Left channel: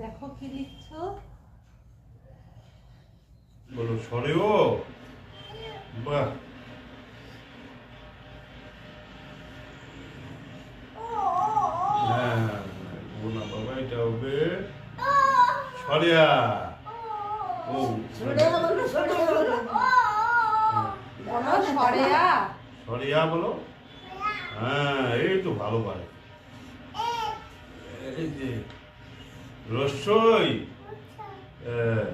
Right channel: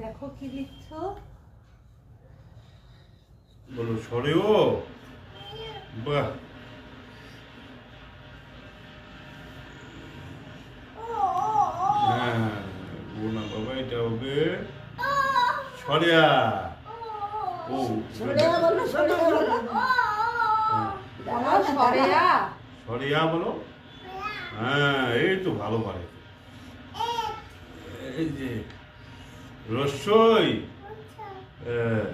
দেখো কি লিখছো? বলো সরে ও। বাহ, হ্যাঁ ও না বাবা, এটা হবে সরিয়া। ও বলো সরেয়া। সরিয়া বলো। হ্যাঁ এই তো ভালো পারে। এই যে রস্যই। হ্যাঁ।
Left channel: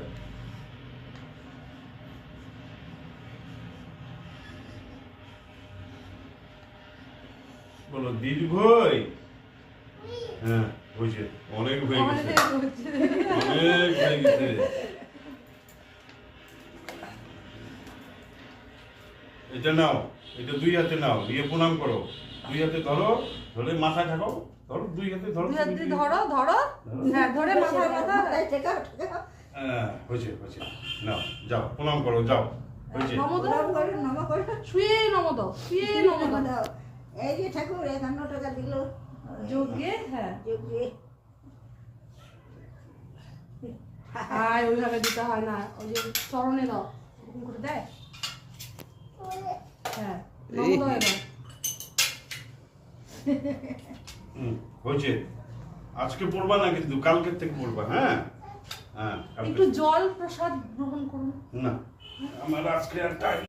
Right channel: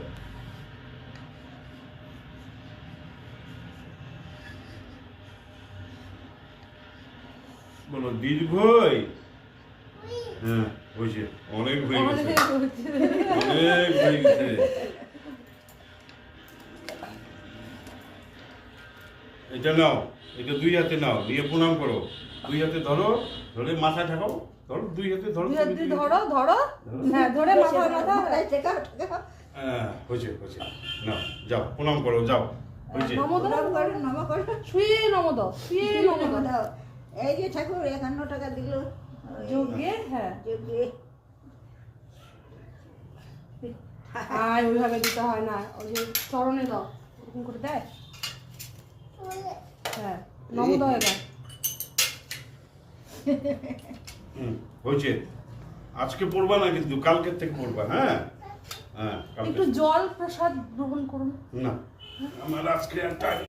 বলো দীর্ঘই। হ্যাঁ হয়েছে, অনেক হয়ে গেছে, অনেক হয়ে গেছে। এটা নাও, এটা দুই হাতে নাও, দিয়ে প্রণাম করো। দুই হাতে ধরো, ধরে মাথা ঠাকাও। ধরো দুই হাতে ধরো, ধরো ধরো, হ্যাঁ ধরে মাথায় হ্যাঁ হয়েছে হয়েছে। নাও যাও প্রণাম করো, যাও হয়েছে। শুয়ে নমদ, শুয়ে নমদ। এই যে ঠাকুর 51 টাকা দিল যোগ্যে, হ্যাঁ যোগ্যে। আর ওইভাবে দিতে হয় না, ওই যে চরণে দাও, ওরকম করে দেয়। হ্যাঁ নমদ এবার। হয়েছে। আজকে পড়বা না কিন্তু, কালকের থেকে পড়বা। হ্যাঁ হ্যাঁ একটু জল প্রসাদ গ্রহণ করুন। না, আমার আজকে আর টাইম